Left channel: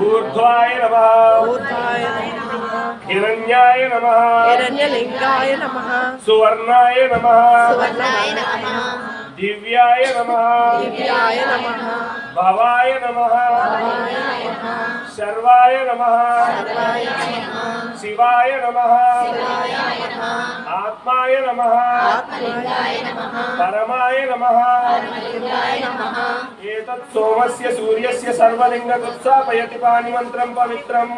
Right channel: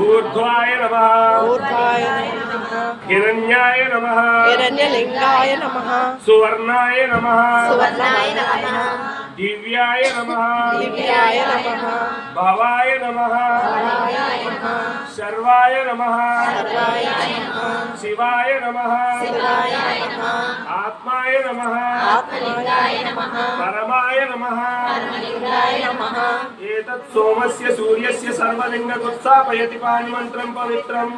ऊर्ध्वाय नमः ऊर्ध्वाय नमः हिरण्याय नमः हिरण्यलिंगाय नमः सुवर्णाय नमः सुवर्णाय नमः दिव्याय नमः दिव्याय नमः भवाय नमः भवाय नमः सर्वाय नमः सर्वाय नमः शिवाय नमः शिवाय नमः आत्माय नमः आत्माय नमः परमाय नमः परमलिंगाय नमः एतत् सोमस्य सूर्यस्य सर्वलिंगकुत्सापयति पाणिमन्त्रं पवित्रम्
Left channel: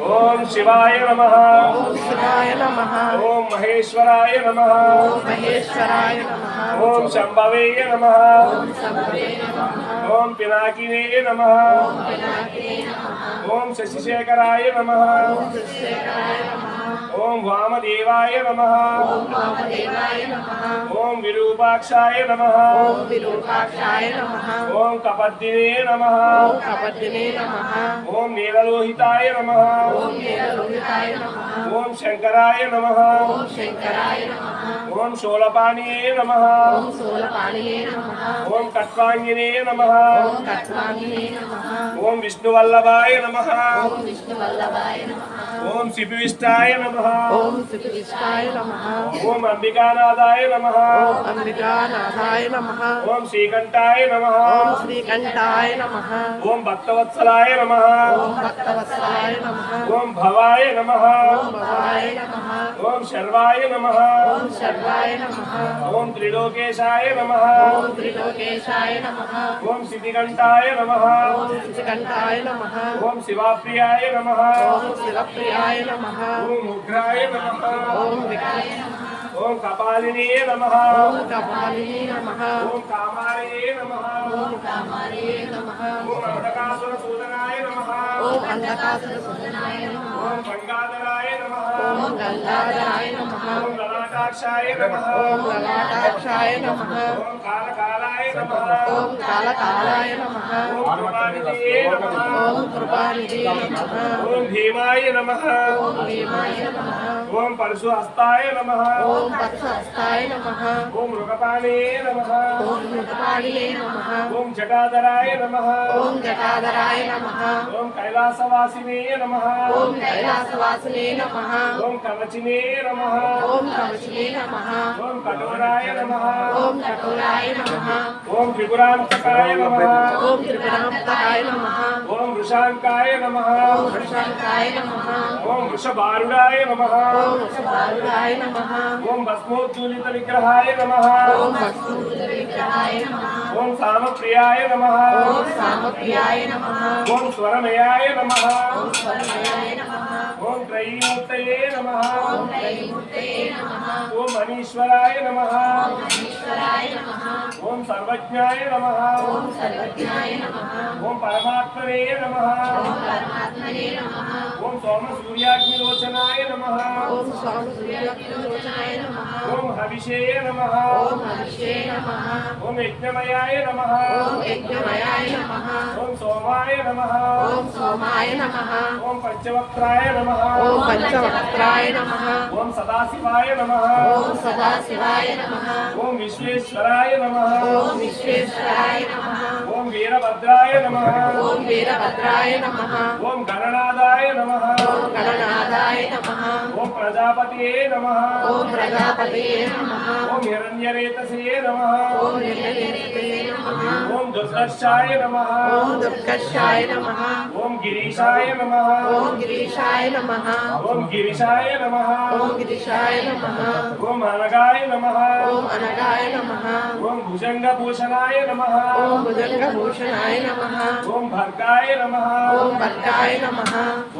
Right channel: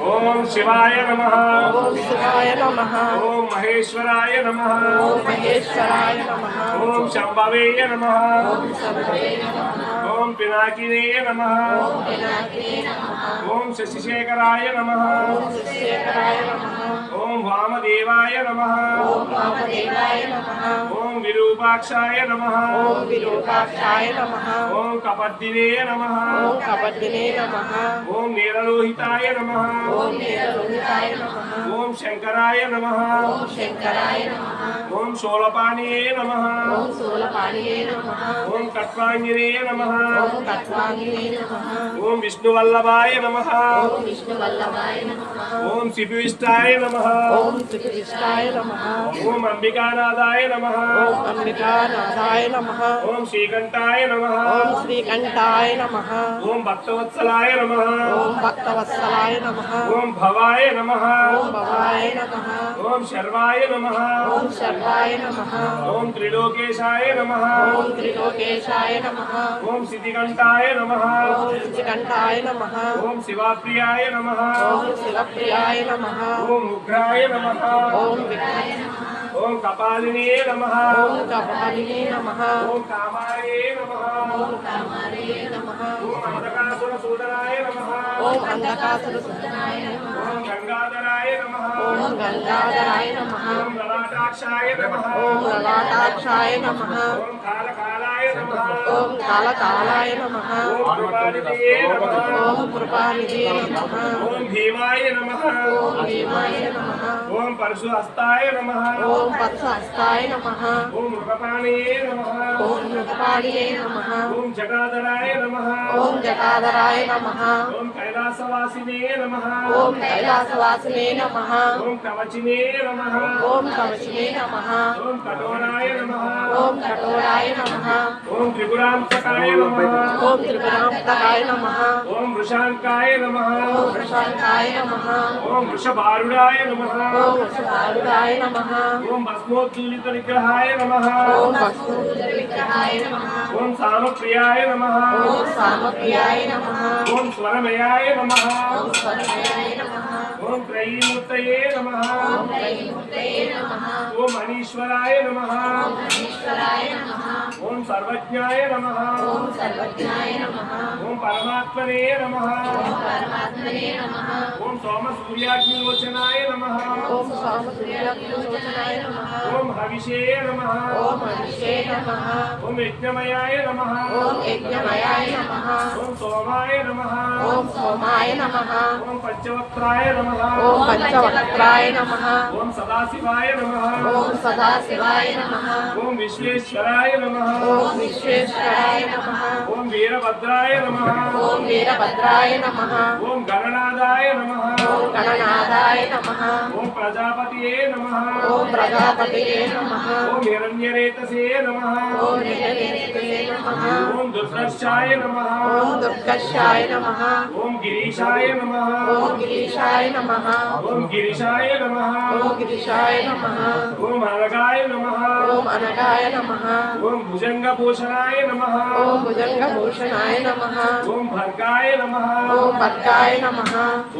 ओम शिवाय नमः ओम शिवाय नमः ओम महेश्वराय नमः ओम महेश्वराय नमः ओम शंभवे नमः ओम शंभवे नमः ओम पिनाकिने नमः ओम पिनाकिने नमः ओम शशिशेखराय नमः ओम शशिशेखराय नमः ओम वामदेवाय नमः ओम वामदेवाय नमः ओम विरूपाक्षाय नमः ओम विरूपाक्षाय नमः ओम कपद्दिने नमः ओम कपद्दिने नमः ओम नीललोहिताय नमः ओम नीललोहिताय नमः ओम शंकराय नमः ओम शंकराय नमः ओम शूलपाणिये नमः ओम शूलपाणिये नमः ओम कट्वांगिने नमः ओम कट्वांगिने नमः ओम विष्णुवल्लभाय नमः ओम विष्णुवल्लभाय नमः ओम शिपिविष्टाय नमः ओम त्रिपुराय नमः ओम अंबिकानाथाय नमः ओम अंबिकानाथाय नमः ओम श्रीकंठाय नमः ओम श्रीकंठाय नमः ओम भक्तवत्सलाय नमः ओम भक्तवत्सलाय नमः ओम भवाय नमः ओम भवाय नमः ओम शर्वाय नमः ओम शर्वाय नमः ओम त्रिलोकेशाय नमः ओम त्रिलोकेशाय नमः ओम सिद्धिकंठाय नमः ओम श्रीकंठाय नमः ओम शिवाप्रियाय नमः ओम शिवप्रियाय नमः ओम उग्राय नमः ओम विग्रह ओम कपालिने नमः ओम कपालिने नमः ओम कामारे नमः ओम कामारे नमः ओम अंधकासुरसूदनाय नमः ओम अंधकासुरसूदनाय नमः ओम गंगाधराय नमः ओम गंगाधराय नमः ओम ललाटाक्षाय नमः ओम ललाटाक्षाय नमः ओम कालकालाय नमः ओम कालकालाय नमः ओम कृपानिधये नमः ओम कृपानिधये नमः ओम भीमाय नमः ओम भीमाय नमः ओम परशुहस्ताय नमः ओम पद्महस्ताय नमः ओम मृगपाणे नमः ओम मृगपाणिने नमः ओम जटाधराय नमः ओम जटाधराय नमः ओम कैलासवासिने नमः ओम कैलासवासिने नमः ओम कवचिने नमः ओम कवचिने नमः ओम कठोराय नमः ओम कठोराय नमः ओम त्रिपुरांतकाय नमः ओम त्रिपुरांतकाय नमः ओम वृषांकाय नमः ओम वृषांकाय नमः ओम वृषभारूढाय नमः ओम वृषभारूढाय नमः ओम भस्मोद्धूलित विग्रहाय नमः ओम भस्मोद्धूलितविग्रहाय नमः ओम सामप्रियाय नमः ओम सामप्रियाय नमः ओम स्वरमयाय नमः ओम स्वरमयाय नमः ओम त्रयीमूर्तये नमः ओम त्रयीमूर्तये नमः ओम मनीश्वराय नमः ईश्वराय नमः ओम सर्वज्ञाय नमः ओम सर्वज्ञाय नमः ओम परमात्मने नमः ओम परमात्मने नमः ओम सोमसूर्याग्निलोचनाय नमः ओम स्वामसूर्यलोचनाय नमः ओम हविषे नमः ओम हविषे नमः ओम यज्ञमयाय नमः ओम यज्ञमयाय नमः ओम सोमाय नमः ओम सोमाय नमः ओम पंचवक्त्राय नमः ओम पंचवक्त्राय नमः ओम सदाशिवाय नमः ओम सदाशिवाय नमः ओम विश्वेश्वराय नमः ओम विश्वेश्वराय नमः ओम वीरभद्राय नमः ओम वीरभद्राय नमः ओम गणनादाय नमः ओम गणनाथाय नमः ओम प्रजापतिये नमः ओम प्रजापतये नमः ओम हिरण्यरेतसे नमः ओम हिरण्यरेतसे नमः ओम दुर्दर्शाय नमः ओम दुर्गर्षाय नमः ओम गिरीशाय नमः ओम गिरीशाय नमः ओम गिरिशाय नमः ओम गिरीशाय नमः ओम अनगाय नमः ओम अनगाय नमः ओम भुजंगभूषणाय नमः ओम भुजंगभूषणाय नमः ओम भर्गाय नमः ओम भर्गाय नमः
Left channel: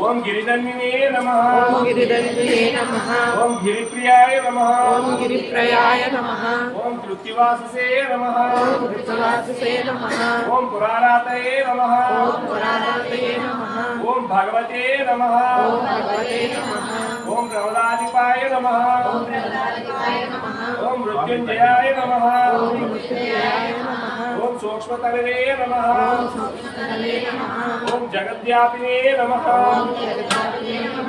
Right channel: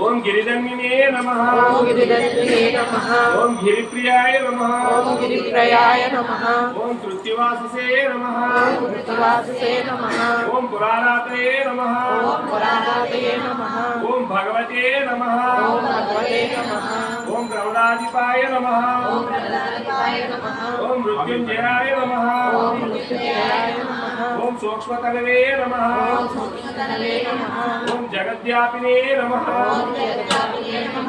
ओम गिरिधन्विने नमः ओम गिरिदन्तिने नमः ओम गिरिप्रियाय नमः ओम गिरिप्रयाय नमः ओम कृत्तिवाससे नमः ओम कृतवाससे नमः ओम पुरारातये नमः ओम पुराणातये नमः ओम भगवते नमः ओम भगवते नमः ओम द्रौडाधिपाय नमः ओम गणाधिपाय नमः ओम मृत्युंजयाय नमः ओम मृत्युंजयाय नमः ओम सूक्ष्मतलवे नमः ओम सूक्ष्मतलवे नमः ओम जगत जगद्व्यापिने नमः ओम जगदात्मने